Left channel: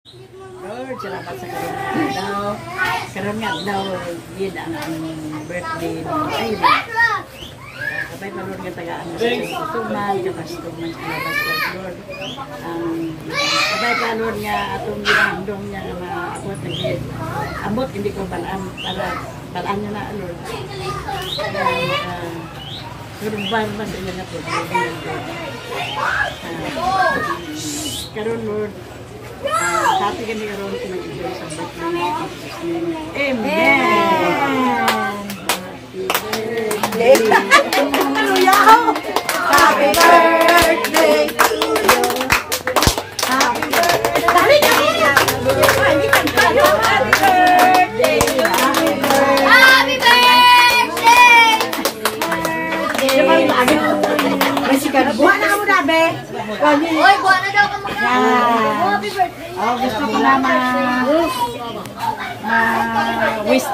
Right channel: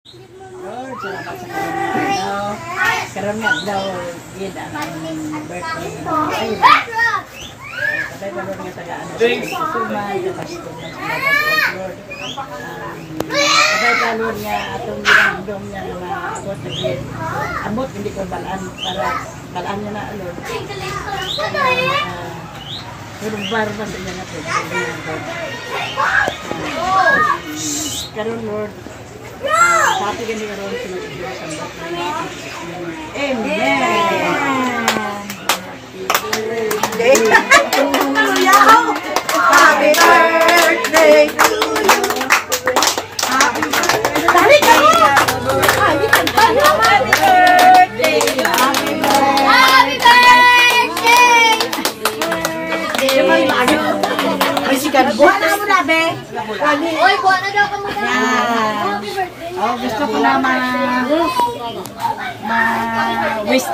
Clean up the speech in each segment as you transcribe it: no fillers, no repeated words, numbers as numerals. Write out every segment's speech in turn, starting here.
Lord, salamat sa karon daw. Karon nga daw gid ang birthday mo. Ay, sabay pa Lord nga tagaan sa suman, kapastog ng Lord. Sabay pa Lord nga atong ginandong niya nga abot na gid. Abot hindi ko balaan para balaan niya na Lord. Pero barba sa inyo na po. Karon Lord, happy kami karon sa mga sambot. Amen. Happy birthday to you. Happy birthday. Happy birthday. Happy birthday. Happy birthday. Buwan na mo na, be. Oy, buwan na daw ka magkakaroon. Happy birthday. Oh, gusto ko na ma-waste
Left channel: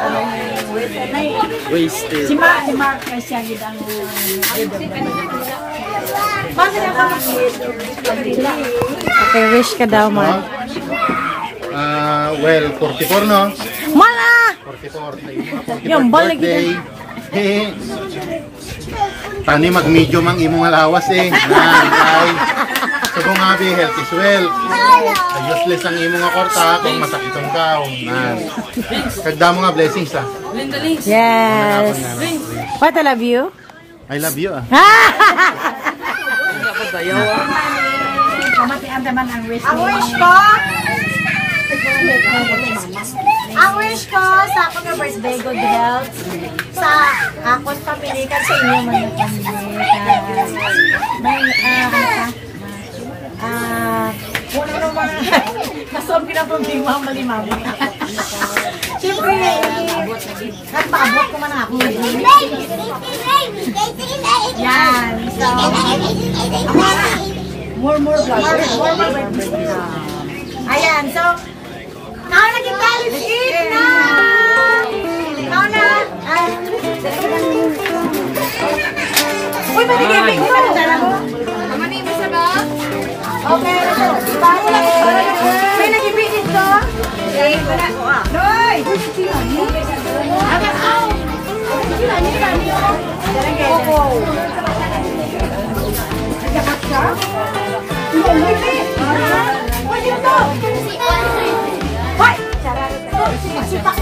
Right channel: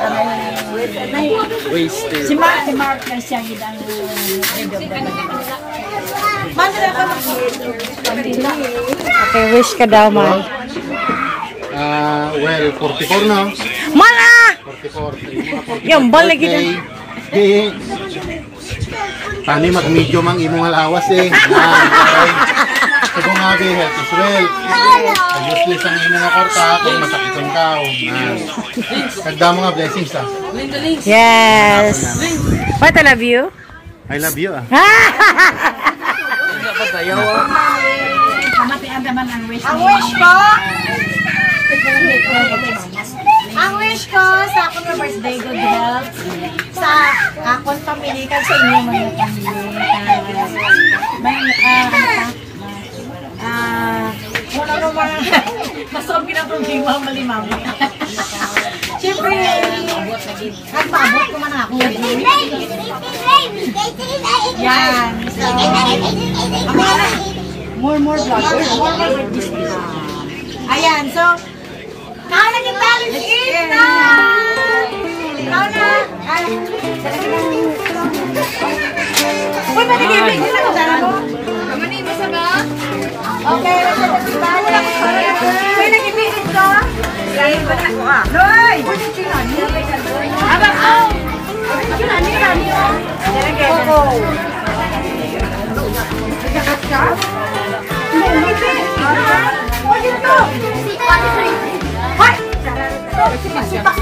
Wasted. Si Mark na siya gidang head of the Okay, wish ka daw, man. Well, 44 no? Mala! 44. Yung bal lagi na. Tani mag-medium ang imong alawas eh. Sabi nga be, health is wealth. Useless ang imong akorta kung masakiton ka. Kagda mo nga blessings ah. Yes. What I love you? I love you ah. Kamatian naman ang wish Ang wish ko, sa akong na birthday, good health. Sa akong pamilikan sa inyo mga pamilikan. May, kung ano mga, masob ka na problema ang malimaw. Siyempre, kahit maabot ko man ang akong birthday. Yan. So, more vloggers. More birthday. Ayan, so, kaya na kita, Lucy! Na! Ikaw na! Uy, matigibig mo na! Dala mo? Kamani, basta ba? Okay, bago lang ko. May nagibigit ko? Lain ko na ko ah. Loy! Uy, sinani? Abang ko! Sinani, rami o? Koko! Nagkakat ka? Hindi, Hoy, dito! Hoy! Sipak!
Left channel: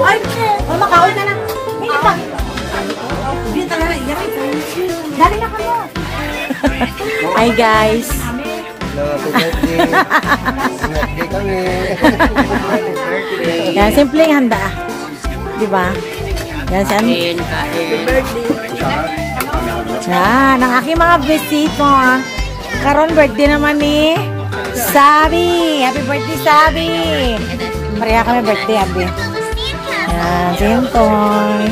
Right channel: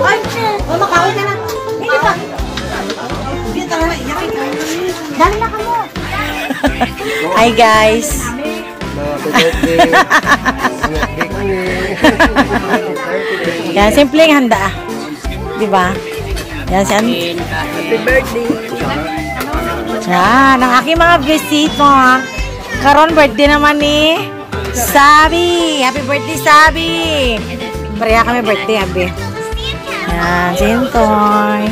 Ay! Makaon na na! Hindi pa! Hindi pa na! Dali na ka mo! Hi guys! Yan, simpleng handa. Diba? Yan, happy birthday! Yan, ang aking mga bisito. Karon birthday naman ni Sabi. Happy birthday, Sabi. Maria kami birthday, Abi. Yan, Sintoy.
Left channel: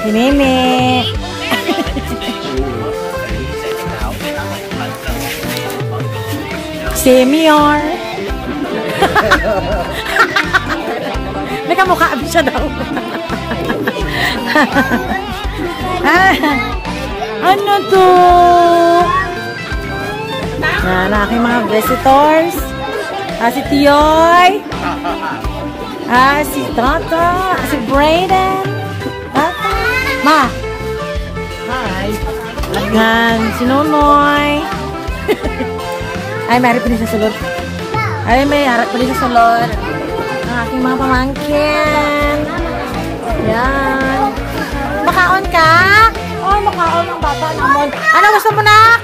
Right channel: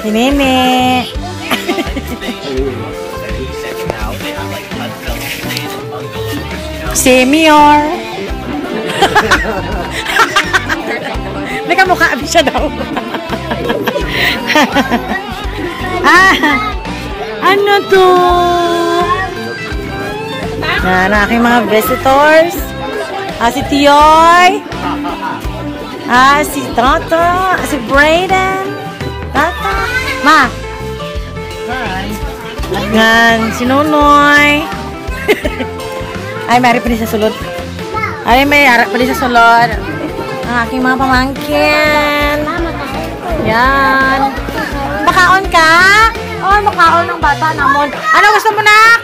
Si Nene. Senior. Nakamukha Abi siya daw. Ano to? Yan, aking mga visitors. Si Tioy. Si Tata. Si Brayden. Tata. Ma. Hi! Yan, si Nonoy. Ay, may harap pa din sa sulod. Ay, may harap pa din sa sulod. Ang aking mga pamangkin. Yan. Makaon ka? Oh, makaon ng bata namon. Ano gusto mo na?